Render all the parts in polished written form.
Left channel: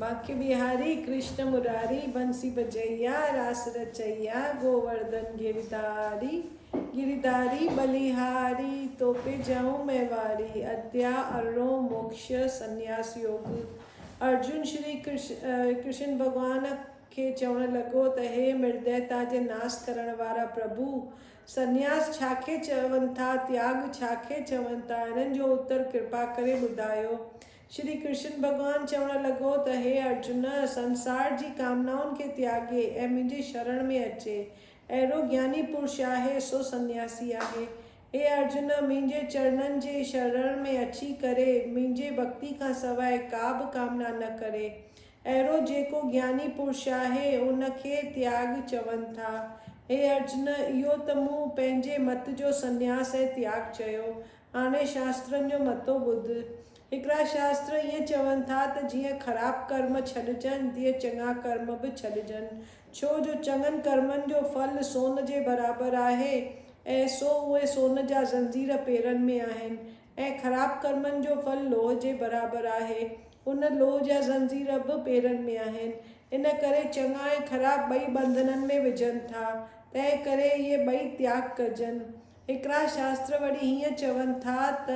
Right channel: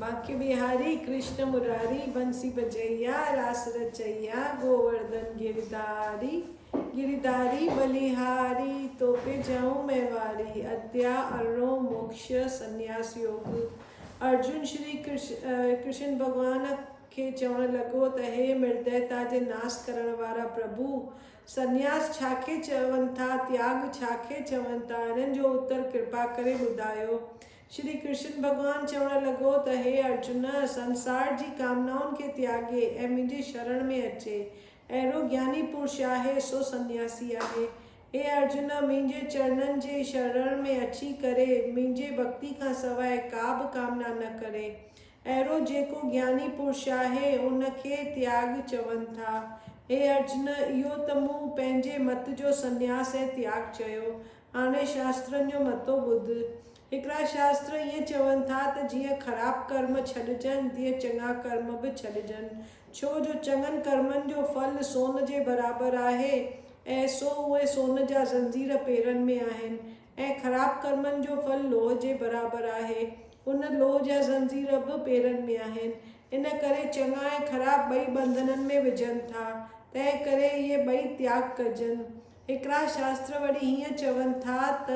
बांके बिहारी कृष्ण मुरारी बंसी बजैया रास रचैया गोवर्धन गिरधारी गिरधारी बलिहारी तो पे जाऊं मैं वारी अद्या अरो मोक्ष संन्यास योग। अर्जुन श्री कृष्ण भगवान खे चवण लॻो त हे निर्दयता जे नाश करण वारा प्रभु संन्यास छाखे चवनि था, त्याग छाखे चवनि था, इन्हनि जो उत्तर कृपा करे ॿुधायो। श्री कृष्ण भगवान चवण लॻो त हे अर्जुन, संसार जी कामनाउनि खे त्यागे ऐं मुंहिंजी शरण में अचे, अहिड़ो ज्ञानी पुरुष आहे सो सन्यासी आहे। हे अर्जुन, मुंहिंजे चरणनि जे शरण में अची करे मुंहिंजे भक्ति खां सवाइ का बि कामना न करे, अहिड़ो जेको ज्ञानी पुरुष आहे उनखे त्याग चवनि था। हे अर्जुन, इहो त मूं पंहिंजे मत जो संन्यास ऐं त्याग चयो, हाणे शास्त्रनि जो मतो ॿुध। हिकिड़ा शास्त्र ईअं चवनि था त जीअं ख़राब कर्म छॾिजनि तीअं चङा कर्म बि छॾिजनि, छो जो चङनि कर्मनि जो फल सोन जे बराबरि आहे ऐं सो उहे सोन जा ज़ंजीर पेरनि में आहिनि, ऐं ख़राब कर्मनि जो फल लोह जे बराबरि आहे, उन लोह जा ज़ंजीर बि पेरनि में आहिनि। इन करे चङा ऐं ख़राब ॿई बंधननि में विझनि था, तंहिं करे इहे ॿई त्याग कजनि। हिकिड़ा शास्त्र वरी हीअं चवनि था त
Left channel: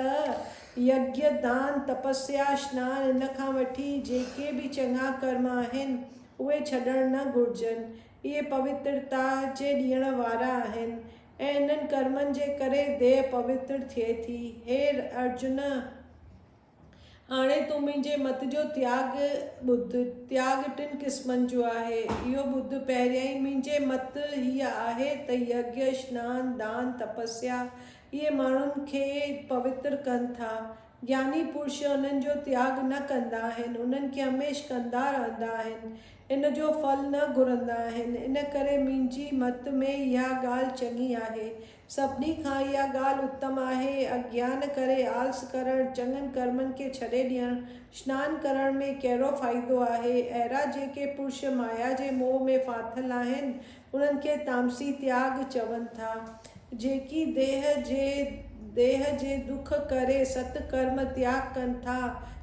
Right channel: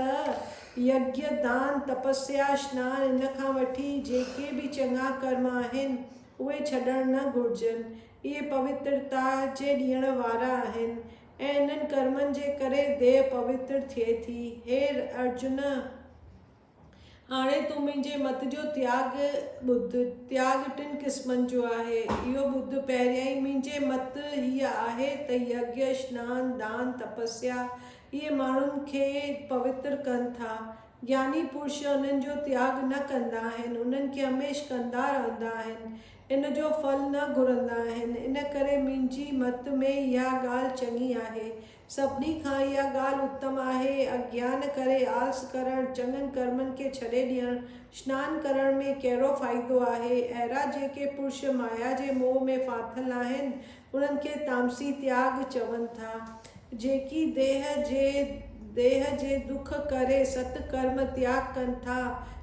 यज्ञ दान तपस्या स्नान इन खां वठी जेके बि चङा कर्म आहिनि उहे छॾणु न घुरिजनि, इहे पवित्रता जे ॾियण वारा आहिनि ऐं इन्हनि कर्मनि जे करे देह पवित्र थिए थी। हे अर्जुन, हाणे तूं मुंहिंजे मत जो त्याग ॿुध। त्याग टिनि क़िस्मनि जो आहे, इहो ॿुध। पहिरियां ई मुंहिंजे मत हीअ आहे त यज्ञ स्नान दान तपस्या इहे माण्हुनि खे पवित्र कनि था। ज्ञानी पुरुष उन्हनि जो त्याग न कंदा आहिनि, उन्हनि खे हमेशह कंदा रहंदा आहिनि, इन जो फल न घुरंदा आहिनि। इन करे मुंहिंजी मत में इहा ॻाल्हि चङी आहे। सभिनी खां इहा ॻाल्हि उत्तम आहे। अज्ञान करे आलस करणु, चङनि कर्मनि खे छॾे ॾियणु, स्नान करण में कहिड़ो फ़ाइदो आहे। अहिड़ा जेके पुरुष माया जे मोह में फाथल आहिनि उन्हनि खे तामसी त्याग चवनि था। जेकी देह जे दुख करे सत्कर्म त्याग कनि था,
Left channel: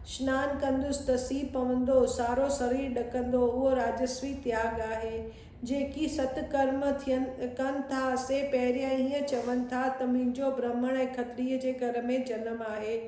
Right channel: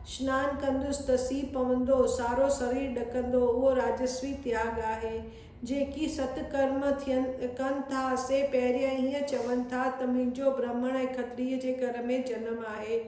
स्नान कंदुसि त सीउ पवंदो, सारो शरीर ॾकंदो, उहो राजस्वी त्याग आहे। जेकी सत्कर्म कनि था से पहिरियां हीअं चवनि था त मुंहिंजो ब्राह्मण ऐं क्षत्रिय जे घर में जनम आहे।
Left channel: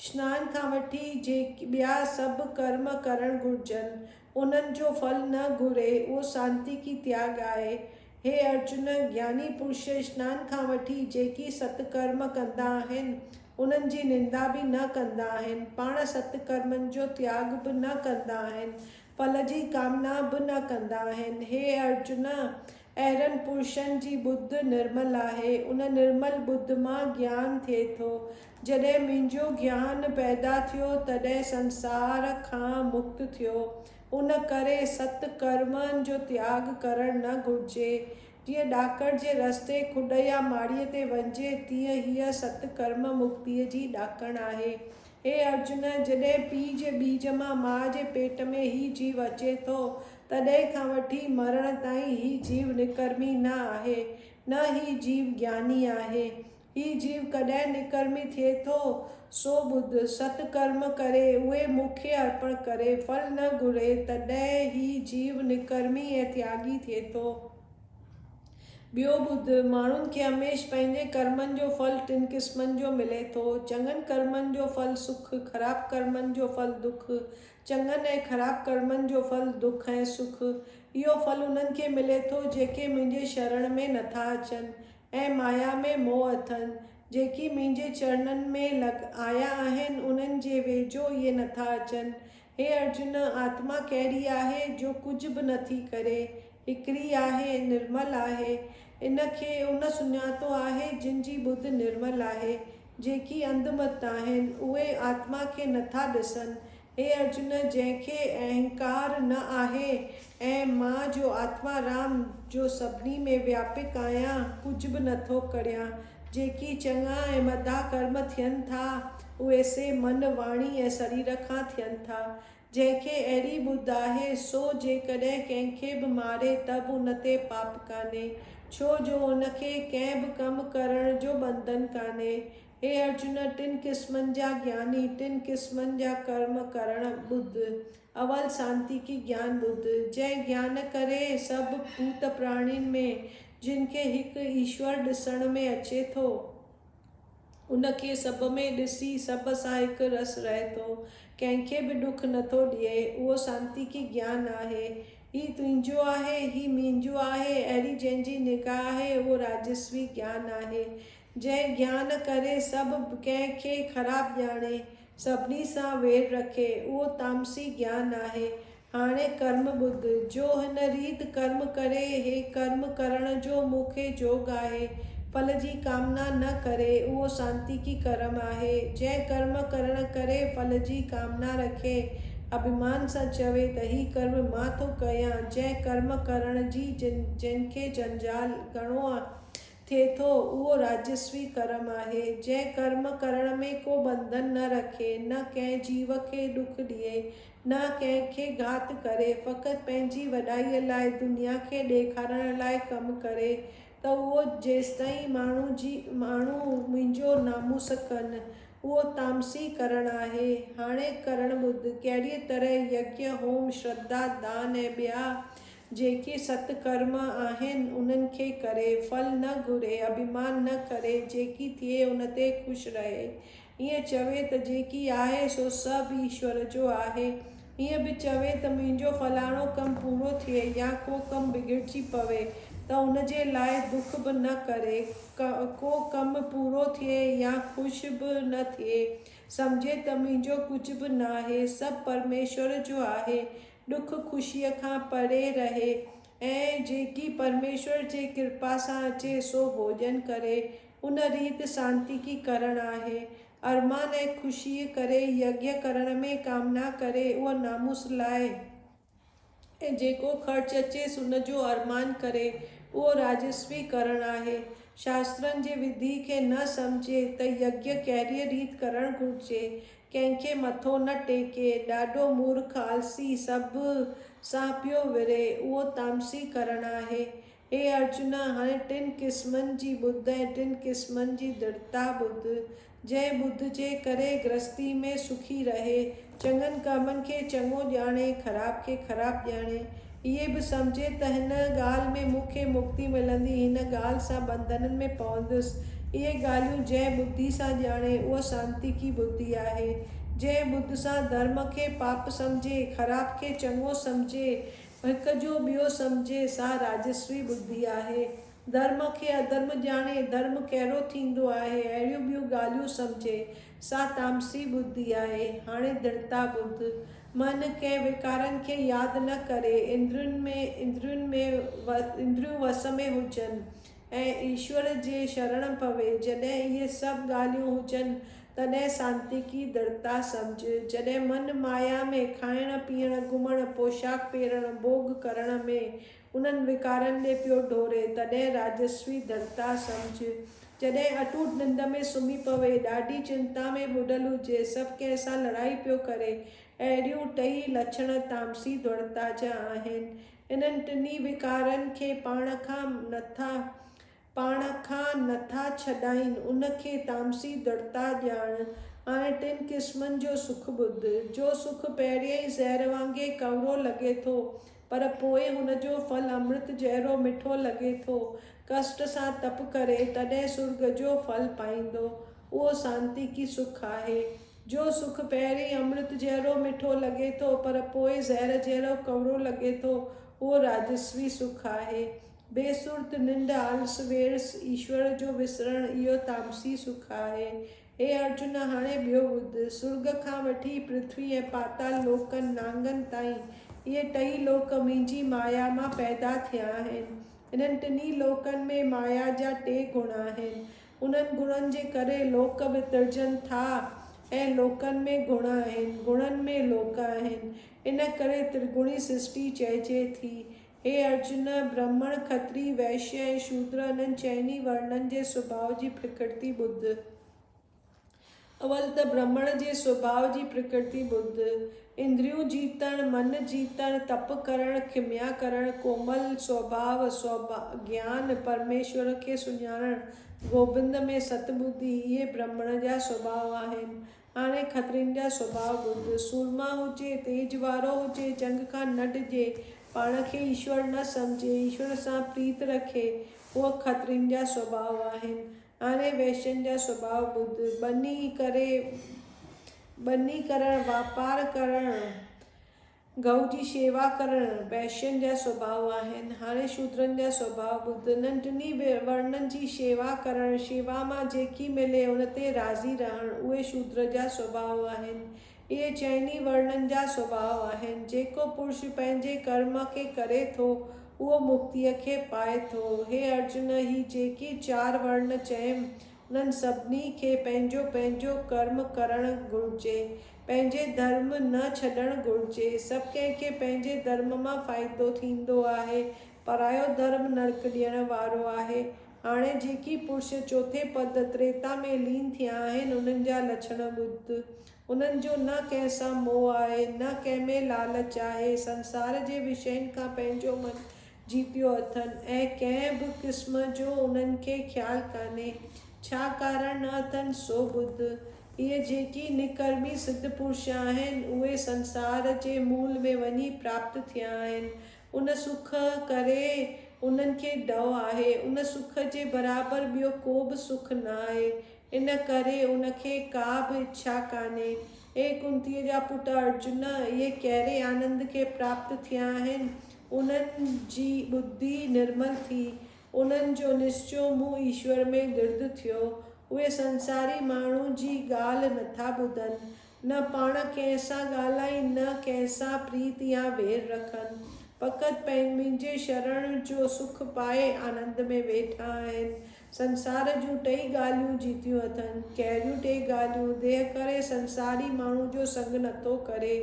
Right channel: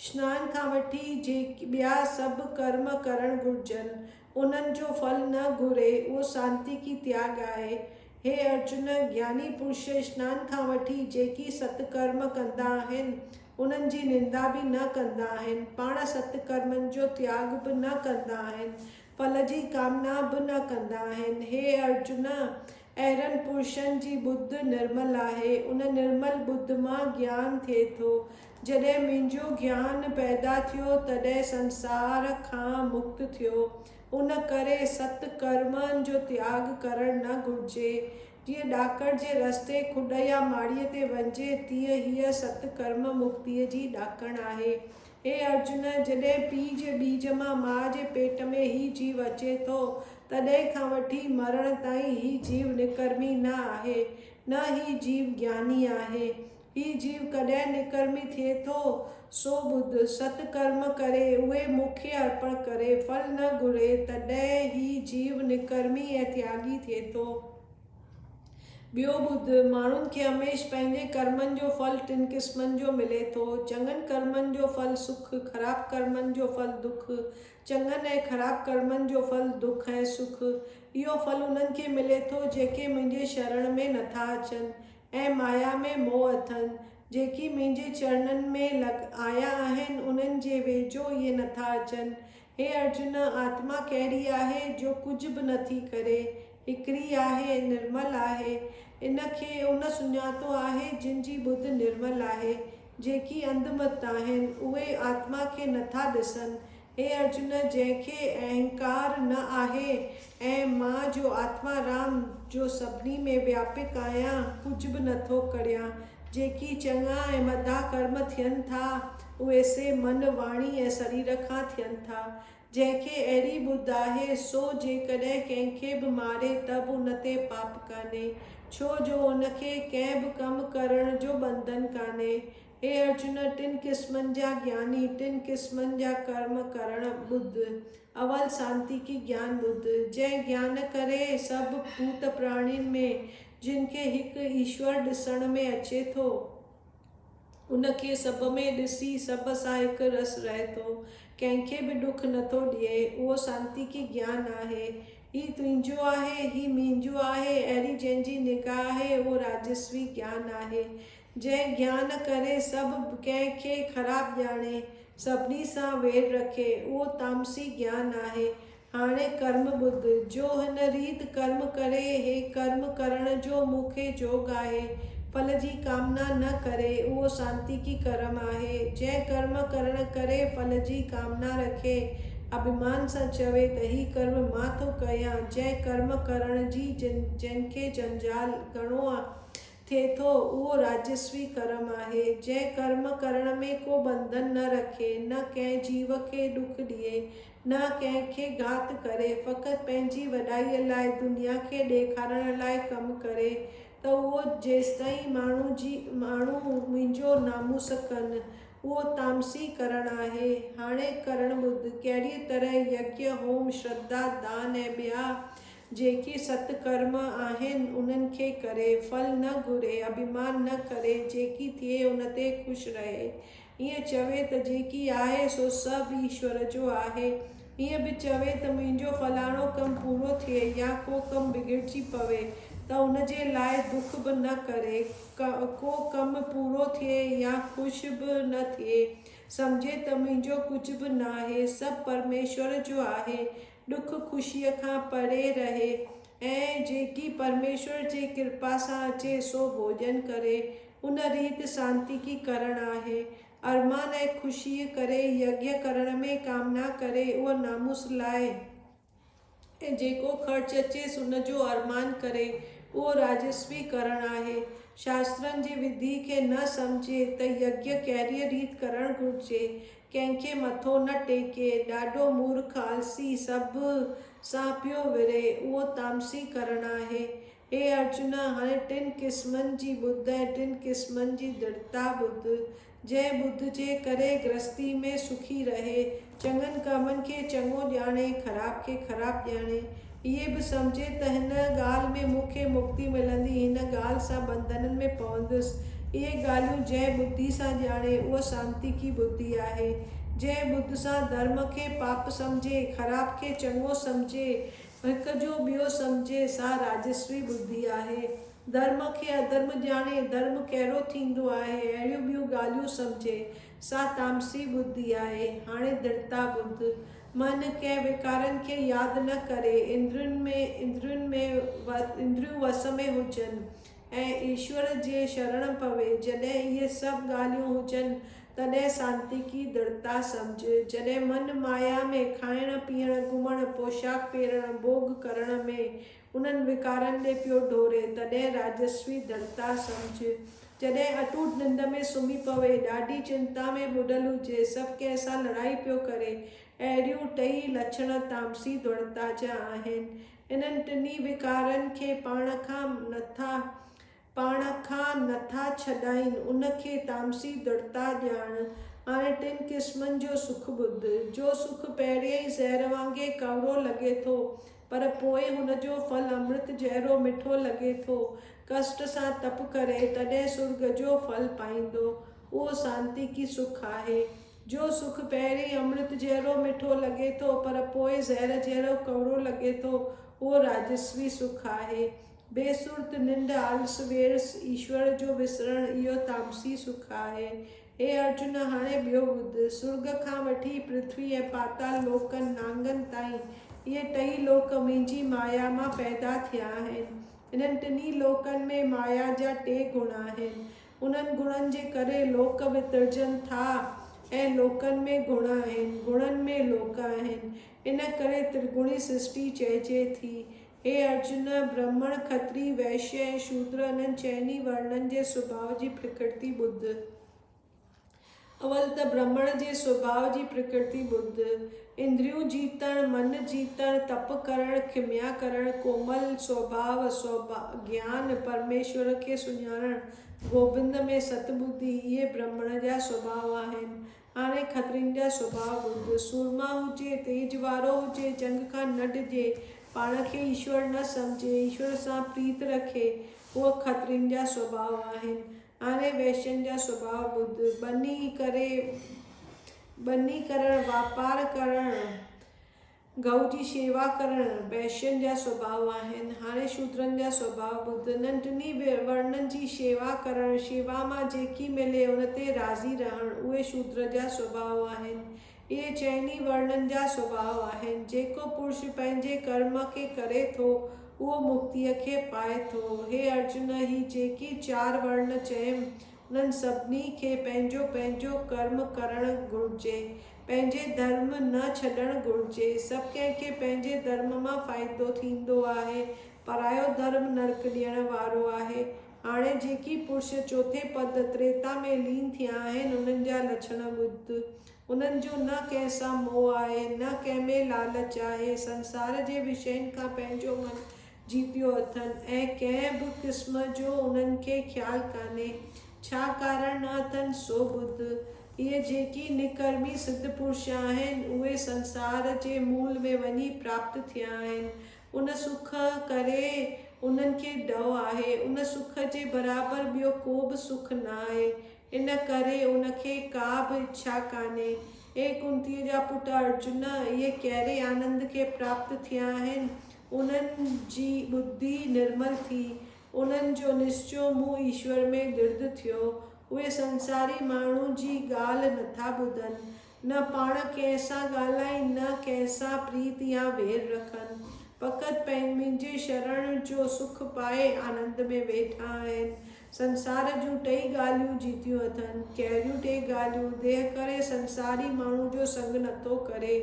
स्नान खां वठी ॿिया सभु कर्म करणु घुरिजनि, उन्हनि जो फल न घुरे, उहो सांतीकी त्याग आहे। हे अर्जुन, ज्ञानी पुरुष स्नान खां वठी जेकी सत्कर्म कंदा आहिनि उन्हनि जी निंदा बि न कंदा आहिनि, पाण सत्कर्मनि जो त्याग बि न कंदा आहिनि, फल जी कामना बि न कंदा आहिनि। हे अर्जुन, अहिड़नि पुरुषनि जी बुद्ध निर्मल आहे। उन निर्मल बुद्ध मां ज्ञान थिए थो। जॾहिं मुंहिंजो ज्ञान पैदा थियो तॾहिं संसार खां मुक्त थियो। उन करे सत्कर्मनि जो त्याग करणु न घुरिजे। जीअं ॾाकण जे रस्ते खुॾ या माड़ीअ ते वञिजे तीअं हीअ सत्कर्म मुक्तीअ जी ॾाकण आहे। हे अर्जुन, जॾहिं पीउ जे बीज मां माउ जे पेट में ही जीव अचे थो तॾहिं खां वठी मरण ताईं ही जीव निकर्मी न आहे, न ही जीव ज्ञानी आहे। ही जीव कॾहिं निकर्मी थिए थो सो ॿुध। सत्कर्म करे उहे मूंखे अर्पण करे, फल न घुरे, तॾहिं ही जीव निकर्मी ऐं त्यागी थिए थो। ॿियो ॿुध, माण्हुनि खे हमेशह पंहिंजे कर्मनि जो फल टिनि क़िस्मनि जो मिले थो। चङनि कर्मनि जो फल सुख, ख़राब कर्मनि जो फल दुख। चङनि ऐं ख़राब कर्मनि जो फल दुख ऐं सुख। इहो फल उन्हनि खे मिले थो जेके मुंहिंजे शरण में नथा अचनि ऐं माया में मोह अथनि। जेकी मुंहिंजे चरणनि में आया आहिनि उन्हनि जे वेझो इहे नथा अचनि। हे अर्जुन, आत्मा कहिड़ी आहे जो कुझु बि नथी करे, हिकिड़ी आहे, निर्मल आहे। इनखे उन सुञातो आहे जिन जी बुद्ध निर्मल आहे। जेकी अंधमत आहिनि उहे आत्मा खे नथा ॾिसनि। हे अर्जुन, जंहिंखे अहंकार न आहे ऐं मां जो आत्मा राम जो सभिनी में व्यापक आहियां कुझु बि नथो करियां। जेकी चङा ऐं मदा कर्म थियनि था उहे से मन वाणी ऐं शरीर खां थियनि था। जंहिंखे अहिड़ी बुद्ध आहे सो जेकॾहिं कंहिंखे बि मारे त बि उन ते पाप कान्हे, छो जो उनखे कंहिं बि कमु करण जो बंधन कान्हे। हे अर्जुन, टिन क़िस्मनि जा ज्ञानी, टिन क़िस्मनि जा कर्म करण बुद्ध। अवल शांति की ज्ञान बुद्ध, जंहिं ज्ञान करे सभु भूत प्राणियुनि में जिनखे हिकु ईश्वर ॾिसण में अचे थो, उनखे सभ में ॾिसी सभ सां हिकु रस रहे थो, कंहिंखे बि दुख नथो ॾिए, उहो शांति की ज्ञान आहे। ही तुंहिंजो आहे, ही मुंहिंजो आहे, अहिड़ी जंहिंजी निगाह आहे उहो राजस्वी ज्ञान आहे। जंहिं ज्ञान करे सभु कंहिंखे ख़राबु ॼाणे, सभिनी सां वेर रखे, उहो तामसी ज्ञान आहे। हाणे कर्म बुद्ध, जो हिन रीत कर्म करे, हे कर्म करण जो मूंखे जोग आहे, फल जी कामना न करे, उहो शांति की कर्म आहे। जंहिं कर्म करण करे फल जी कामना रखे, अभिमान सां चवे त ही कर्म मां थो कयां, जंहिं कर्म करण जी जंहिंखे जंजाल घणो थिए थो, उहो राजस्वी कर्म आहे। जंहिं कर्म करण में को बंधन न रखे, न कंहिं जीव खे दुख ॾिए, न कंहिंखे घात करे, फ़क़ति पंहिंजी वॾाईअ लाइ, दुनिया खे ॾेखारण लाइ कमु करे, त उहो जेसिताईं माण्हू मुंहिंजो नामूस कनि, उहो तामसी करण आहे। हाणे करण बुद्ध, कहिड़ी तरह यज्ञ, होम, श्रद्धा, दान ऐं ॿिया जेके सत्कर्म आहिनि उन्हनि खे करे, फल न घुरे, अभिमान न करे, जेकी थिए उन ते ख़ुशि रहे। ईअं चवे त जेकी आहे सो सभु ईश्वर जो आहे। ईअं बि चवे त मुंहिंजो फलाणो कमु पूरो थिए या को कमु बिगड़जी पवे त उनजे लाइ दुख बि न करे, को कमु पूरो थिए या ख़ुशि बि न थिए, सम्झे त मुंहिंजो कुझु बि न आहे, सभु परमेश्वर जो आहे, दुख ख़ुशीअ खां परे रहे, ऐं जेकी परमेश्वर जे कृपा सां अचे सो भोजन करे, उन रीत शांति की करण आहे। अरमान ऐं ख़ुशीअ करे यज्ञ करण में कामना करे, उहो नामूस लाइ, ऐं जेको ख़र्च अचेसि उन जो अरमान करे, उहो राजस्वी करण आहे। शास्त्रनि जे विधि खे न सम्झे त यज्ञ कहिड़ी रीत करणु घुरिजे, कंहिंखे मथो न टेके, ॾाढो मूर्ख आलसी सभु सां पियो विरे, उहो तामसी करण आहे। हे अर्जुन, हाणे टिन क़िस्मनि जी बुद्ध ऐं टिन क़िस्मनि जी दृढ़ता बुद्ध, जंहिं बुद्ध जे करे गृहस्थी में सुखी रहे, चङनि कमनि खे चङो ॼाणे, ख़राब खे ख़राबु ॼाणे, इहे बि सम्झे त हिन ॻाल्हि में मूंखे मुक्ति मिलंदी, हिन ॻाल्हि सां बंधननि में पवंदुसि। इहे ॻाल्हियूं जंहिं बुद्धि सां ॼाणे उहो शांति की बुद्धि आहे। जंहिं बुद्ध सां धर्म खे पाप सम्झे, ख़राब खे चङो सम्झे, हिक जो ॿियो सम्झे, सा राजस्वी बुद्धि आहे। धर्म खे अधर्म ॼाणे, धर्म कहिड़ो थींदो आहे, अहिड़ियूं ॿियूं ॻाल्हियूं सम्झे, सा तामसी बुद्धि आहे। हाणे दृढ़ता बुद्ध, मन कंहिं विकारनि खे यादि न करे, इंद्रियूं वस में हुजनि ऐं ईश्वर जे शरण पवे। जॾहिं इहे सभु ॻाल्हियूं हुजनि तॾहिं शांति की दृढ़ता सम्झ। जॾहिं मन माया में खाइण पीअण, घुमण, पोशाक पहिरण, भोग करण में उन्हनि विकारनि ॾे पियो डोरे, तॾहिं राजस्वी दृढ़ता सम्झ। जॾहिं अटूट निंड में सुम्ही पवे, ॾाढी चिंता में ॿुॾल हुजे, सभु कंहिं सां लड़ाई पियो करे, अहिड़ियूं टई लक्षण तामसी दृढ़ता जा आहिनि। इन्हनि टिनी विकारनि खे पाण खां नथा छॾाइनि, उनखे तामसी दृढ़ता ॼाण। हाणे टिन क़िस्मनि जो सुख बुद्ध, जो सुख पहिरियों ई ज़हर वांगुरु कवरो लॻे थो, पर पोइ हुनजो फल अमृत जहिड़ो मिठो लॻे थो। कष्ट सां तप करे तॾहिं स्वर्ग जो फल पाईंदो, उहो शांति की सुख आहे। जो सुख पहिरीं अमृत जहिड़ो मिठो लॻे थो, पर पोइ ज़हर जहिड़ो कवरो लॻे थो, उहो राजस्वी सुख आहे। बेसुर्त निंड, आलस वेरस, ईश्वर जो विसरण, इहो तामसी सुख आहे। हे अर्जुन, हाणे ॿियो बुद्ध, स्वर्ग खां वठी पृथ्वी ऐं पाताल लोकनि नांगनि ताईं, इहे टई लोक मुंहिंजी माया मां पैदा थिया आहिनि। इन्हनि टिनी लोकनि में माया जा टे गुण आहिनि। उन्हनि गुणनि जे करे लोक वितरजनि था ऐं लोकनि में गुण आहिनि, गुणनि में लोक आहिनि। इन करे त्रिगुणी सृष्टि चइजे थी। हे अर्जुन, ब्राह्मण, खत्री, वैश्य ऐं शूद्र, इन्हनि चइनी वर्णनि जे स्वभाव जी प्रकृति बुद्ध। अवल त ब्राह्मण जे स्वभाव जी प्रकृति बुद्ध, इंद्रियूं जीतण, मन जीतण, तप करण, खिम्या करण, कोमल स्वभाव, ज्ञान, परमेश्वर खे सुञाणण, गोबिंद में सतबुद्धि इहे ब्राह्मण जा स्वभाव आहिनि। हाणे खत्रियुनि जा स्वभाव ॿुध। सूरमा हुजे, तेज वारो हुजे, जंग खां न डिॼे, पाण खे ईश्वर न सम्झे, ईश्वर सां प्रीत रखे, उहो खत्रियुनि जा स्वभाव आहिनि। हाणे वैश्यनि जा स्वभाव ॿुध। बनी करणु, वापार करणु, गऊ जी शेवा करणु वैश्यनि जा स्वभाव आहिनि। हाणे शूद्रनि जा स्वभाव ॿुध। नंढनि वर्णनि जी शेवा करणु, शेवा मां जेकी मिले उन ते राज़ी रहणु, उहे शूद्र जा स्वभाव आहिनि। इहे चइनी वर्णनि जा स्वभाव आहिनि। जेको पुरुष पंहिंजे कर्म खे करे थो उहो मुक्तिअ खे पाए थो। हे अर्जुन, ही जेके 4 वर्ण चयमि उन्हनि सभिनी खे पंहिंजो पंहिंजो कर्म करणु घुरिजे, पंहिंजे धर्म न छॾणु घुरिजे। सभु कंहिंखे पंहिंजे धर्म मां फ़ाइदो थींदो आहे, परायो धर्म नरक ॾियण वारो आहे। हाणे जेकी पुरुष चौथे पद त्रेता में लीन थिया आहिनि उन्हनि जा लक्षण ॿुध। उन्हनि जो न कंहिं सां मोह आहे, न कंहिं में लालच आहे, संसार जे विषयनि खां पंहिंजो मन जीतियो अथनि ऐं कंहिं बि क़िस्म जो उन्हनि खे ख़्यालु कान्हे। छा कारण न अथनि सो ॿुध। इहे जेकी निकर्मी सिद्ध पुरुष आहिनि उहे संसार जे मूल में वञी प्राप्त थिया आहिनि। उन सुख करे उन्हनि खे डव आहे। उन सुख जे बराबरि ॿियो को बि सुख न आहे, इन करे उनखे का बि इच्छा कान्हे। हे कुंतीअ जा पुट अर्जुन, इहे कहिड़े आनंद खे प्राप्त थिया आहिनि। उन्हनि जी बुद्धि निर्मल थी, उन्हनि जो निश्चो मुंहुं ईश्वर में दृढ़ थियो। उहे संसारी माण्हू जी ॻाल्हि नथा ॿुधनि, न पाण कंहिं सां ॻाल्हाइनि, न कंहिं सां प्रीत या वेर रखनि, फ़क़ति मुंहिंजे शरण जो सुख पाए आनंद में वेठा आहिनि। संसार जूं 2 ॻाल्हियूं जीतियूं अथनि। कहिड़ियूं 2 ॻाल्हियूं? देह करे संसारी माण्हू जो संग नथो करे,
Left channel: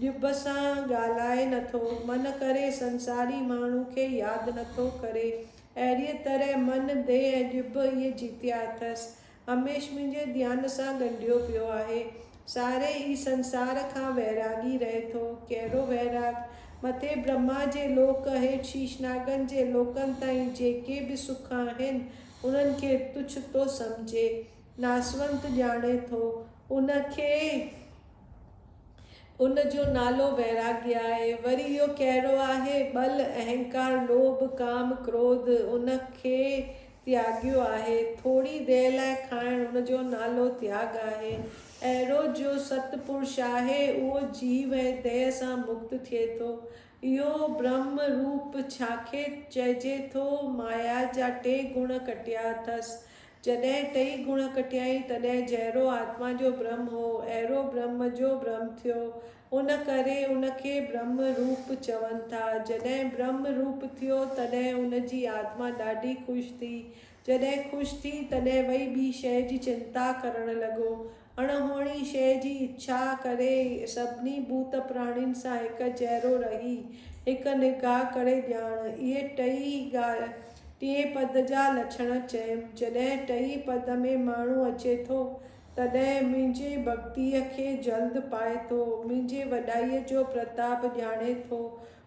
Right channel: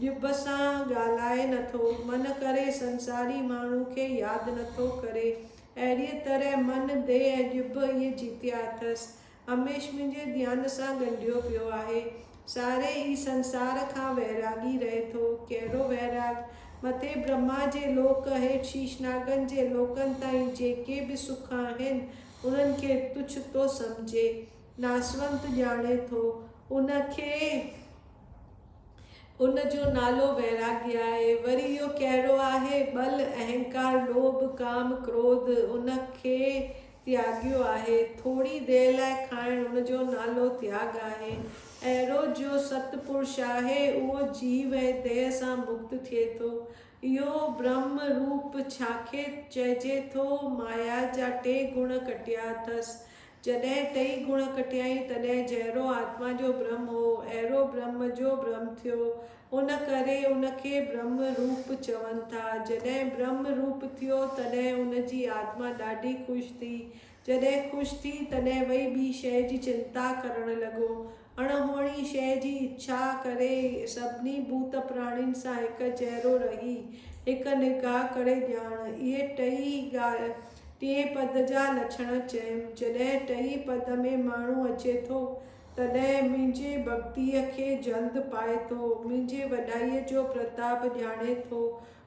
ॼिभ सां ॻाल्हाए नथो, मन करे संसारी माण्हू खे यादि नथो करे। अहिड़ीअ तरह मन, देह ऐं ॼिभ इहे जीतिया अथसि, हमेशह मुंहिंजे ध्यान सां ॻंढियो पियो आहे। सारे ई संसार खां वैरागी रहे थो। कहिड़ो वैराग? मथे ब्रह्मा जे लोक, हेठि शीशनागनि जे लोकनि ताईं जेके बि सुख आहिनि उन्हनि खे तुच्छ थो सम्झे, नासवंत ॼाणे थो। उनजो नालो वैराग्य आहे। वरी इहो कहिड़ो आहे? बल, अहंकार, लोभ, काम, क्रोध उनखे त्याॻियो आहे। थोरी देर लाइ खाइणु उनजो नालो त्याग आहे। अहिड़ो जो सतपुरुष आहे उहो जीव ऐं देह सां मुक्त थिए थो। इहो ब्रह्म रूप छाखे चइजे थो? माया जा 2 गुण कटिया अथसि। जॾहिं 2 गुण कटियाई तॾहिं जहिड़ो आत्मा जो ब्रह्म हो अहिड़ो ब्रह्म जो ब्रह्म थियो। उन करे उनखे ब्रह्म रूप चवनि था। जॾहिं ब्रह्म रूप थियो तॾहिं उनजी आत्मा ॾाढी ख़ुशि थी। जॾहिं ख़ुशि थी तॾहिं वई ॿी शइ जी चिंता करणु लॻो। अणहोणी शइ जी इच्छा करे सभिनी भूत प्राणियुनि सां हिकु जहिड़ो रही हिकु निगाह करे ॼाण। इहे 2 पद जा लक्षण चयमि। जॾहिं 2 पद में माण्हू अचे थो तॾहिं मुंहिंजे भक्तीअ खे जल्द पाए थो, मुंहिंजे वॾाईअ जो प्रताप ॼाणे थो।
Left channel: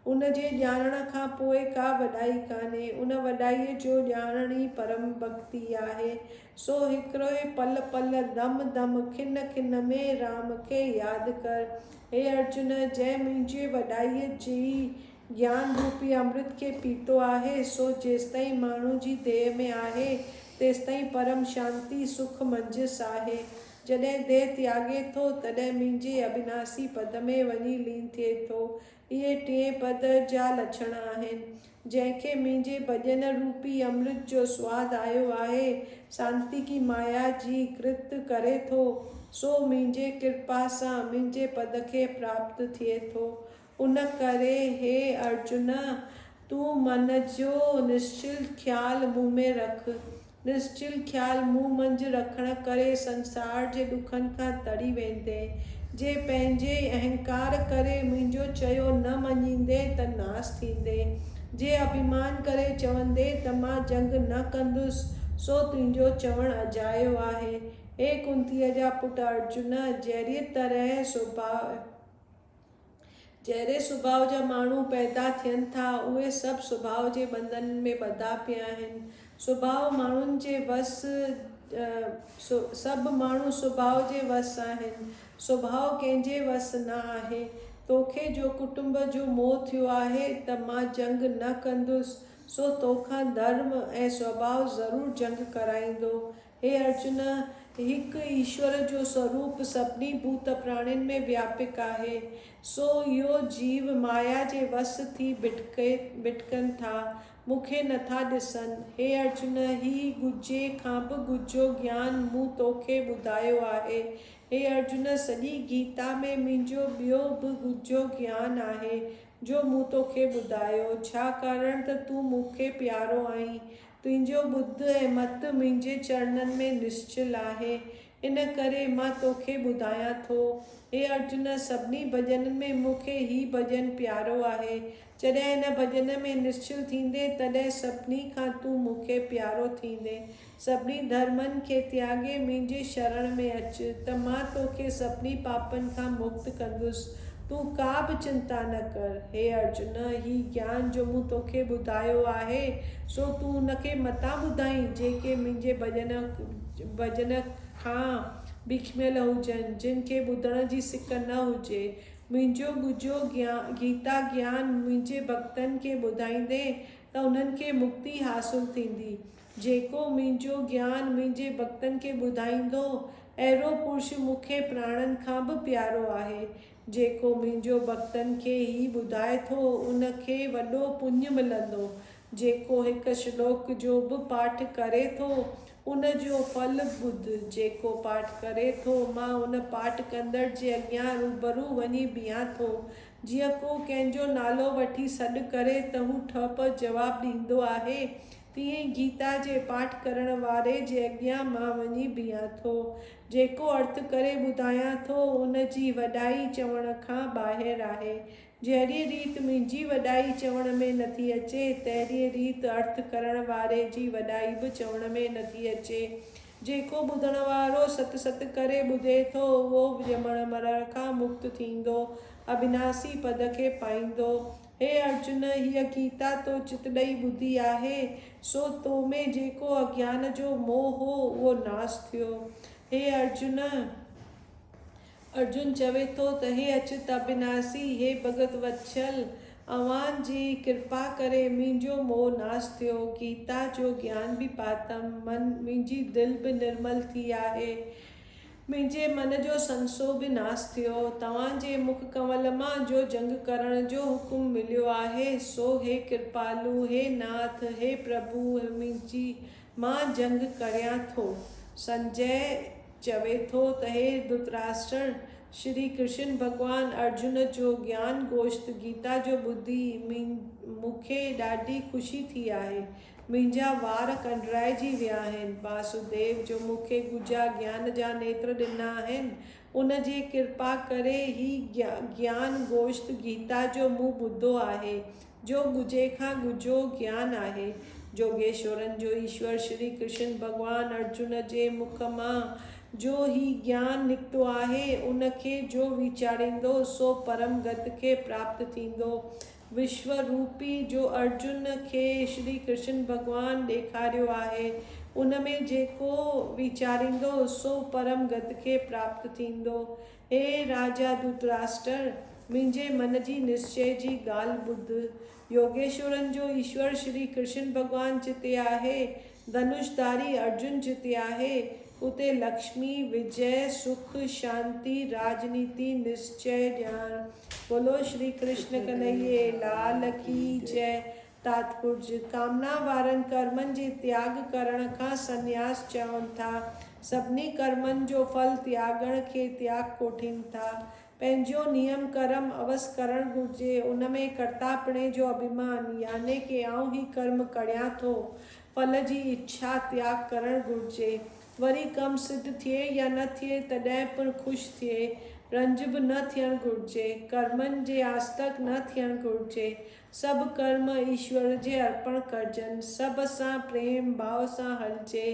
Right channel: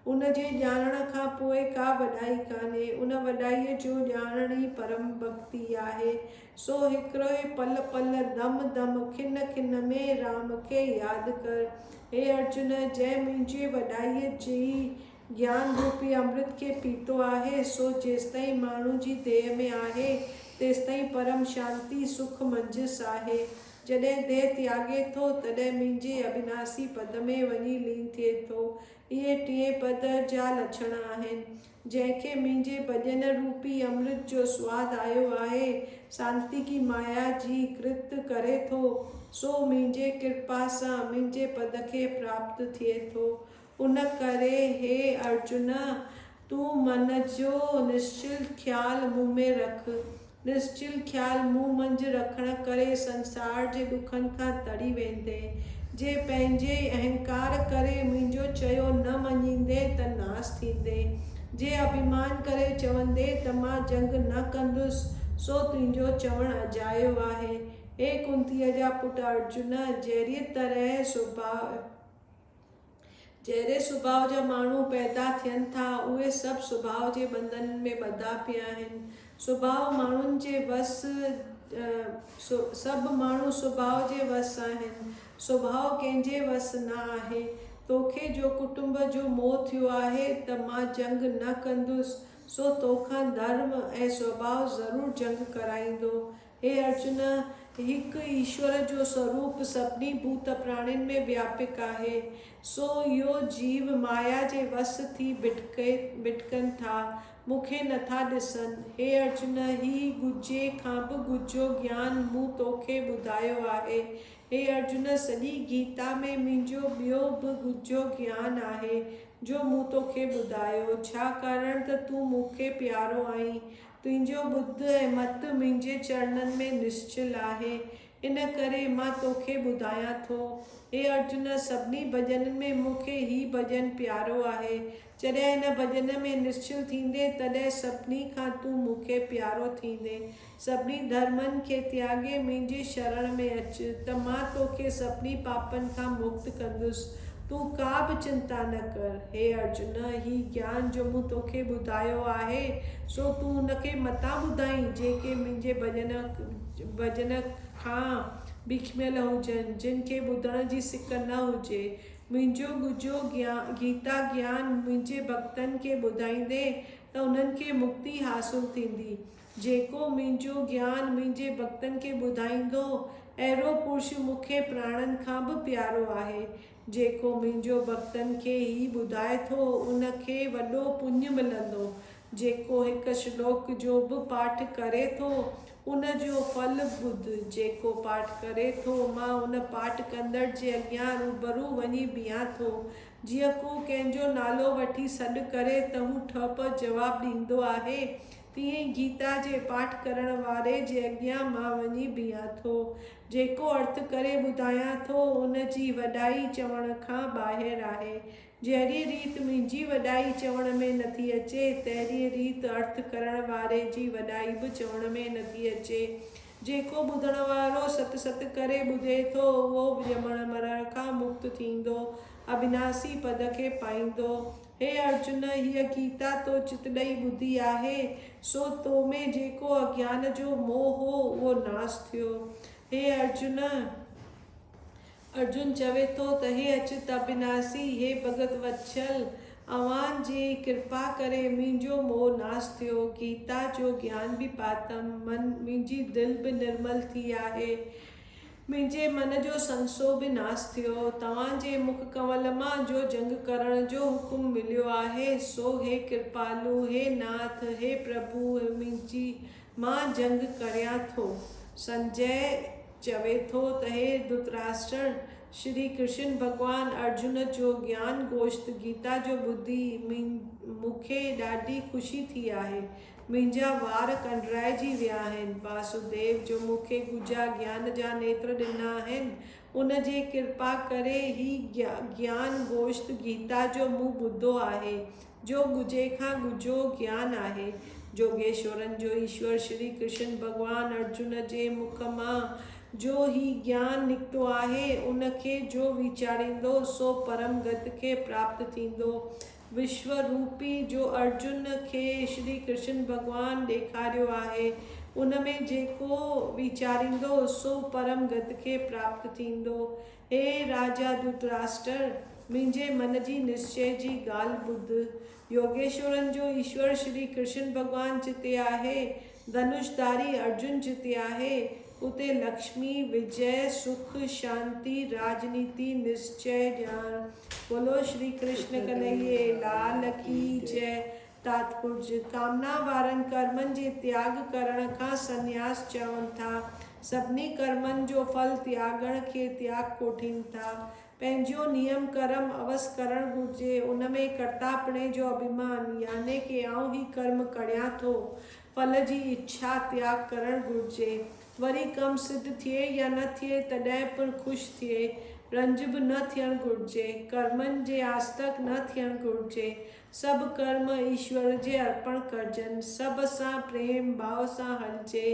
उनजे ॼाणण खां पोइ का वॾाई कान्हे। उन वॾाईअ जो ॼाणण ई परम भक्ति आहे। सो हिकिड़ो पल पल, दम दम, खिन खिन में राम खे यादि कर। हे अर्जुन, जंहिं मुंहिंजे वॾाईअ जी ज्ञान रूपी अमृत खे पीतो आहे सो जेसिताईं माण्हू जी देह में आहे तेसिताईं परम शांती सुख मंजिस आहे। जॾहिं देह त्यागे थो तॾहिं मुंहिंजे अविनाशी पद में वञी लीन थिए थो। इहे 2 पद जा लक्षण आहिनि। जंहिंखे मुंहिंजे भॼन रूपी अमृत जो स्वाद आयो आहे, शांति की माया जी कृत करे थो, सो मुंहिंजे कृपा सां मुंहिंजे पद खे प्राप्त थिए थो। उन करे हे अर्जुन, तूं मन जो निश्चल ख्याल मुंह में रख। निश्चल ख्याल मुंह मंझि रखण करे संसार जे ॾुखनि खां तरी वेंदे। जे पंहिंजे अहंकार करे मुंहिंजो चयो न मञींदे त नास थींदे। जे अभिमान करे चवंदे त मां जंग न कंदुसि सो तुंहिंजो चवणु अजायो आहे। हे कुंतीअ जा पुट अर्जुन, जहिड़े सुभाउ जा माण्हू पैदा थियनि था उहे सभु सुभाउ जे बंधन में ॿधा पिया आहिनि। सुभाउ माण्हुनि जे वस सभु माण्हू सुभाउ जे वस आहिनि, सुभाउ कंहिंजे वस न आहे। तोखे जो कुटुंब जो मोह थियो आहे त मां जंग न कंदुसि, सो तोखां धर्म ऐं स्वभाव ज़रूरु जंग कराईंदो। हे अर्जुन, हिकु ईश्वर जो स्वरूप सभिनी भूत प्राणियुनि में व्यापक आहे, सो इहो जीव माया जे वस थी भिटकनि था, मूंखे नथा ॾिसनि। हे अर्जुन, ही गुझे खां बि गुझो ज्ञान मूं तोखे ॿुधायो आहे। हे अर्जुन, सॼी गीता में मुंहिंजो ॿियो बि गुझो ज्ञान आहे जो मूं तोखे ॿुधायो, छाकाणि त तूं मूंखे प्यारो आहीं। तुंहिंजो ॿुध ऐं मत मुंहिंजे चरणनि में निश्चल आहे, इन करे मां तोखे ॿुधायां थो। हे अर्जुन, सभिनी भॼननि में मूंखे ही भॼन प्यारो आहे। जॾहिं हिन भॼन में निश्चल थींदे तॾहिं सभिनी खां तूं मूंखे प्यारो थींदे। सभिनी धर्मनि खे त्यागे मुंहिंजे शरण में अच त मां तोखे सभिनी पापनि खां मुक्त कंदुसि। तूं का बि चिंता न कर। हे अर्जुन, ही ज्ञान जो मूं तोखे ॿुधायो आहे सो तूं उनखे मता ॿुधाई जेके मुंहिंजे भॼन खां बिखमियल हुजनि, जिन खे ॿुधण जी सिक न हुजे। मुंहिंजो गुझो गीता ज्ञान मुंहिंजे भक्तनि खे ॿुधाईंदे त उन्हनि खे मुक्ति हासिल थींदी। जेको मुंहिंजो ज्ञान मुंहिंजे भक्तनि खे ॿुधाईंदो, अहिड़ो पुरुष मूंखे प्राणनि खां बि प्यारो आहे। जेको मुंहिंजो भक्तनि खे ही ॿुधाए थो, उनखे वॾो पुण्य मिलंदो। जेको हिकु श्लोक जो बि पाठ करे थो, उन जो फल ॿुध। जेको पाठ करे थो, मां उन पाठ कंदड़ जे अॻियां रूबरू वञी बीहां थो। जीअं को कंहिंजो नालो वठी सॾु करे त हू ठप जवाबु ॾींदो आहे, तीअं गीता जे पाठ करण वारे जे अॻियां मां वञी बीहां थो। जेको अर्थ करे ॿुधायां थो, उन जी वॾाई चवण खां ॿाहिरि आहे। जहिड़ी रीति मुंहिंजी वॾाई चवण में नथी अचे, तहिड़ी रीति अर्थ करण वारे जी वॾाई बि चवण में नथी अचे। जेको ॿुधण वारो सत सत करे ॿुधे थो, उहो ॼमण मरण खां मुक्त थींदो, अविनाशी पद खे पाईंदो। हे अर्जुन, हीअ गीता तो चित ॾेई ॿुधी आहे, सो तो में जेको अज्ञान जो मोह हो उहो नाश थियो। हे अर्जुन, अर्जुन चवे थो त हे अच्युत अविनाशी, हे भगत वत्सल, अव्हां जी कृपा करे मुंहिंजो मोह नाश थियो। गीता जो ज्ञान बि पातम, मुंहिंजी दिलि बि निर्मल थी आहे, मुंहिंजे मन जो संसो बि नाश थियो। तव्हांजे मुख कमल मां जो जंग करण जो हुकुम मिलियो आहे, सो हे कृपालु, हे नाथ, हे प्रभु, मां जंग करियां थो। संजय चवे थो त हे धृतराष्ट्र, श्री कृष्ण भगवान अर्जुन जो ज्ञान गोश्त गीता जो ॿुधी मूंखे ॾाढी ख़ुशी थी आहे। मुंहिंजा वार कंडराइजी विया आहिनि। वासुदेव जो मूंखे गुझा ज्ञान जा नेत्र ॾिना आहिनि, उन जे कृपा करे ही ज्ञान गोश्त गीता जो मूं ॿुधो आहे, जो गुझे खां गुझो ज्ञान आहे। जोगेश्वरन जो ईश्वर श्री कृष्ण भगवान अर्जुन जे मुख मां जो ही ज्ञान निकितो आहे, उनखे जो वीचारींदो सो परम गति खे प्राप्त थींदो। विश्व रूपी जो अर्जुन खे श्री कृष्ण भगवान ॾेखारियो आहे, उन में जेको वीचारींदो सो परम गति खे प्राप्त थींदो। हे राजा धृतराष्ट्र, मुंहिंजे मन जी निश्चय जी ॻाल्हि ॿुध। योगेश्वरन जो ईश्वर श्री कृष्ण भगवान जिते आहे, धनुषधारी अर्जुन जिते आहे, उते लक्ष्मी, विजय, सुख, शांति, राजनीति, निश्चय, ज्ञान। बोलो श्री कृष्ण कन्हैया लाल की जय। तात्पर्य, कामना वारनि कर्मनि जे त्याग करण खां संन्यास चवनि था। सभिनी कर्मनि जो फल त्यागण खे त्याग कोठीनि था। पंहिंजो नियम कर्म अवसि करणु घुरिजे, उन में कर्तापणे जो अभिमान, याने कि आउं ही कर्म करियां थो, फल जी इच्छा त्याग करणु घुरिजे। वरी कम सिद्ध थिए या न थिए तॾहिं पिणु ख़ुशि थिए, रंज बि न थियणु घुरिजे, कर्मनि जे आस्तक न थियणु घुरिजे। सभु कर्म ईश्वर जे अर्पण करिजनि, सभ सां प्रेम भाव सां हलिजे।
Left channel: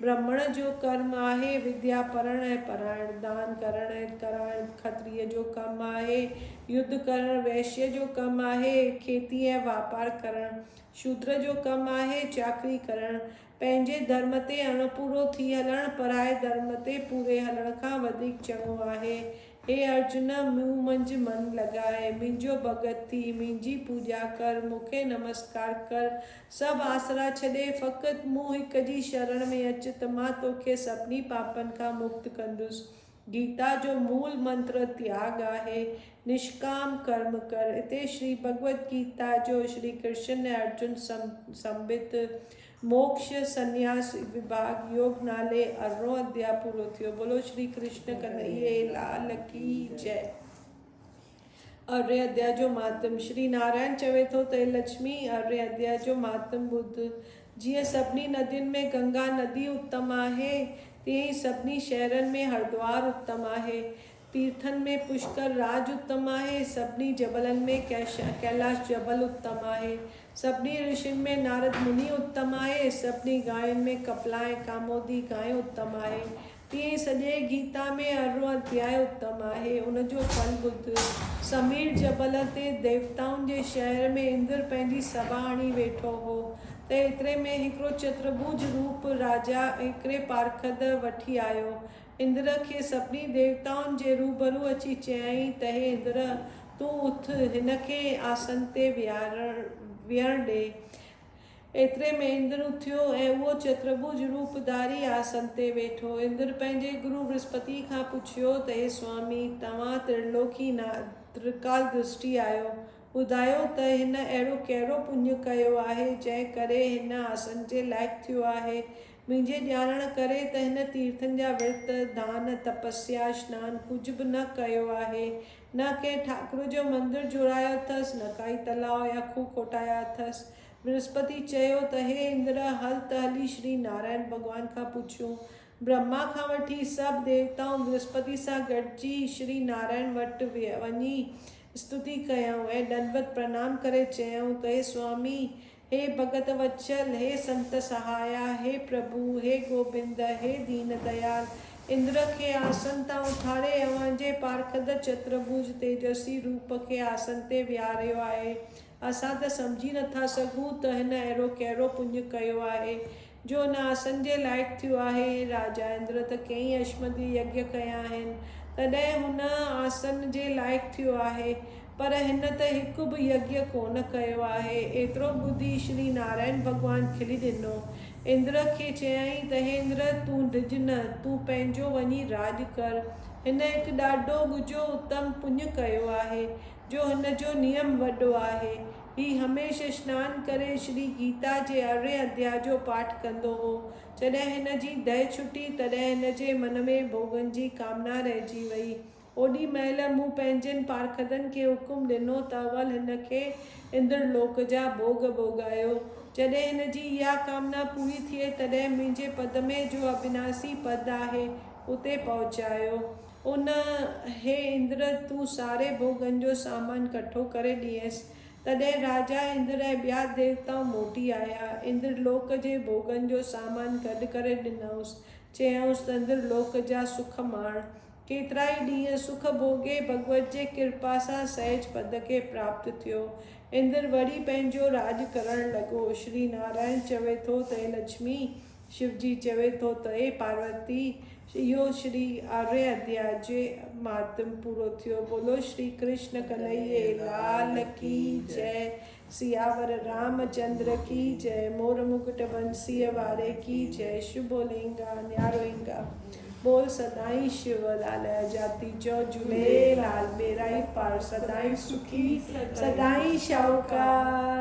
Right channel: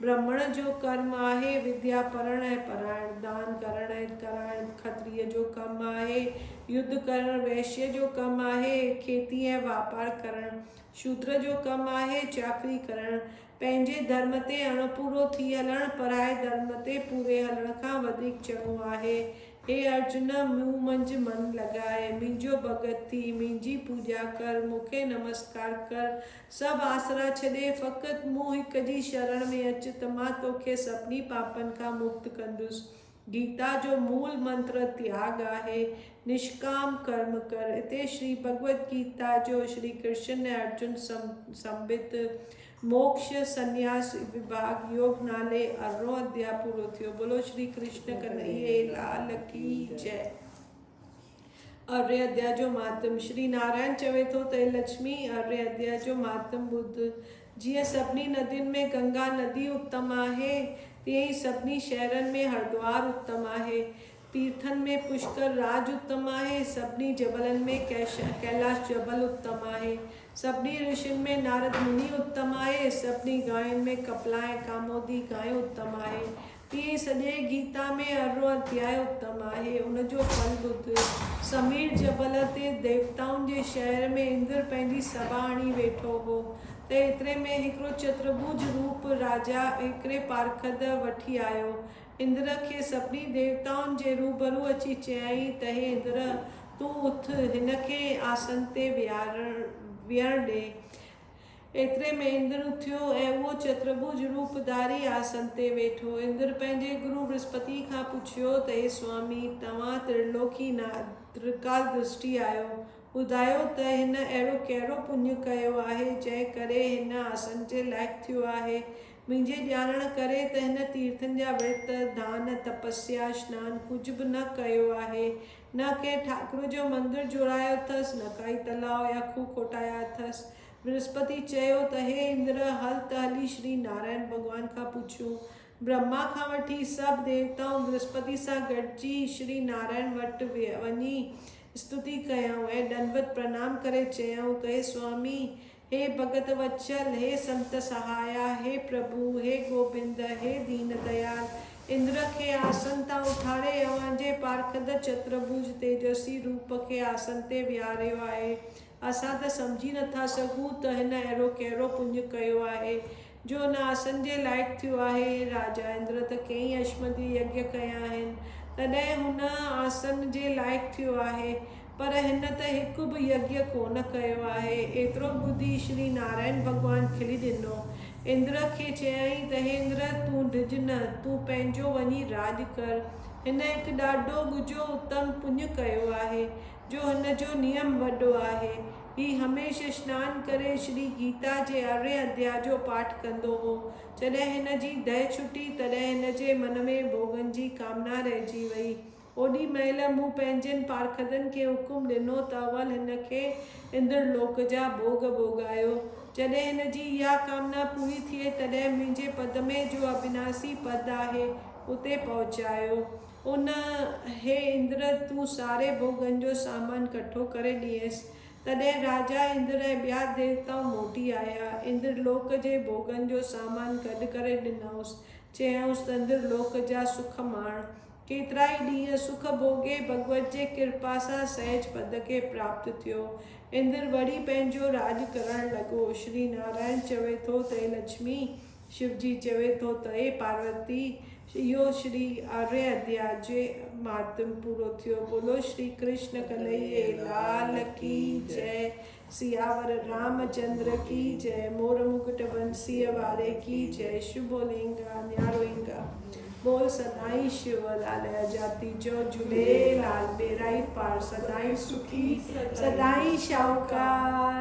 ब्राह्मण जो कर्म आहे विद्या पढ़णु ऐं पढ़ाइणु, दान करणु ऐं कराइणु। खत्रीय जो कमु आहे युद्ध करणु, वैश्य जो कमु आहे खेती ऐं वापारु करणु। शूद्र जो कमु आहे चाकरी करणु। पंहिंजे धर्म ते अणपूरो थी हलण पराए धर्म ते पूरे हलण खां वधीक चङो आहे। हे अर्जुन, मूं मंझि मन लॻाए, मुंहिंजो भगत थी, मुंहिंजी पूॼा कर, मूंखे नमस्कार कर, सभु आसरा छॾे फ़क़ति मूं हिक जी शरण में अच त मां तोखे सभिनी पापनि खां मुक्त कंदुसि। गीता जो मूल मंत्र त्याग आहे, निष्काम कर्म कर। हिते श्री भगवत गीता जो श्री कृष्ण ऐं अर्जुन संबित मोक्ष संन्यास विभाग योग नाले 18 अध्याय पूरो थियो। बोलो श्री कृष्ण कन्हैया लाल की जय। 18 अध्याय जो मातम श्री नारायण चवे थो त लक्ष्मी 18 अध्याय जो मातम बुद्ध। जीअं सभिनी नदियुनि में गंगा नदी उत्तम आहे, तीअं ई सभिनी शहरनि में हरिद्वार उत्तम आहे, तीर्थनि में पुष्कर राज उत्तम आहे, सभिनी जबलनि में कैलाश जबल उत्तम आहे, सभिनी ऋषियुनि में नारद मुनि उत्तम आहे, सभिनी गांयुनि में कपिला ऐं कामोदी गांइ उत्तम आहे। तीअं सॼे गीता में 18 अध्याय उत्तम आहे। उनजो फल बुद्ध। समीर जबल ते देवताउनि जे शहर में इंद्र पंहिंजी सभा हणी वेठो हो त एतिरे में हिकिड़ो चतुर्भुज रूप राजा हिकिड़े पारखद वठी आयो। इंद्र खे सभिनी देवताउनि जे रूबरू अची चयाईं त हे इंद्र, तूं उथ, हिन खे आसन ते विहण ॾे। एतिरे में इंद्र उथियो ऐं उहो चतुर्भुज रूपधारी आसन ते वेठो। इंद्र पंहिंजे गुरु बृहस्पति खां पुछियो त हे स्वामी, तव्हां त्रिकाल दृष्टि आहियो, ॿुधायो त हिन अहिड़ो कहिड़ो पुण्य कयो आहे जंहिं करे हिन आसन जे लाइक़ु थियो आहे। मुंहिंजे ॼाणण करे त हिन तीर्थनि जा विर्त, दान, तपस्या, स्नान कुझु बि न कयो आहे, न कंहिं ठाकुर जो मंदिर जुड़ायो अथसि, न काई तलाउ या खूह खोटाया अथसि। बृहस्पति चयो त हे इंद्र, हल त हली श्री नारायण भॻवान खां पुछूं। ब्रह्मा खां वठी सभु देवताऊं बृहस्पति सां गॾिजी श्री नारायण वटि वञी स्तुति कयऊं ऐं दंडवत प्रणाम करे चयऊं त हे स्वामी, हे भगत वत्सल, हे संत सहाया, हे प्रभु, हे गोविंद, हे दीन दयाल, इंद्र खे आसन तां उथारे अव्हांजे पारखद चतुर्भुज तेजस्वी रूप खे आसन ते विहारियो आहे। असां त सम्झी नथा सघूं त हिन अहिड़ो कहिड़ो पुण्य कयो आहे जो हिन आसन जे लाइक़ु थियो आहे। राजा इंद्र त कई अश्वमेध यज्ञ कया आहिनि, तॾहिं हुन आसन जे लाइक़ु थियो आहे, पर हिन त हिकु बि यज्ञ कोन कयो आहे। एतिरो ॿुधी श्री नारायण भॻवान खिली ॾिनो। इंद्र खे चयाईं त हे इंद्र, तूं डिॼ न, तूं पंहिंजो वञी राज कर। हिन हिकु ॾाढो ॻुझो उत्तम पुण्य कयो आहे जो हिन जो नियम वॾो आहे। ही हमेशह स्नान करे श्री गीता जे 18 अध्याय जो पाठ कंदो हो। जॾहिं हिन जी दह छुटी तॾहिं हिन जे मन में भोगनि जी कामना रहिजी वई। ओॾी महिल मूं पंहिंजनि पारखदनि खे हुकुम ॾिनो त अवल हिन खे इंद्रलोक जा भोग भोगायो। जॾहिं हिन जी इहा कामना पूरी थिए तॾहिं मुंहिंजे पद में जो अविनाशी पद आहे उते पहुचायो। हे इंद्र, तूं सारे भोगनि जो सामान कठो करे ॾिएसि। तॾहिं राजा इंद्र ऐं ॿिया देवताऊं मोटी आया। इंद्रलोक जे भोगनि जो सामान गॾु करे ॾिनऊंसि। चयऊंसि त इंद्रलोक जा सुख माण। केतिरा ई ॾींहं सुख भोगे भगवत जे कृपा सां सहज पद खे प्राप्त थियो। इंद्र वरी पंहिंजो राज करण लॻो। श्री नारायण चवे थो त हे लक्ष्मी, शिवजी चवे थो त हे पार्वती। इहो श्री 18 अध्याय जे मातम पूरो थियो। बोलो श्री कृष्ण कन्हैया लाल की जय। सियावर रामचंद्र की जय। मोर मुकुट बंसीअ वारे की जय। शुभोलिंगा न्यारोइंगा बोल सदाई शिवलाल जाति जो झूलेलाल बेराई पार सदाई सुखी सदाई शाहूकार।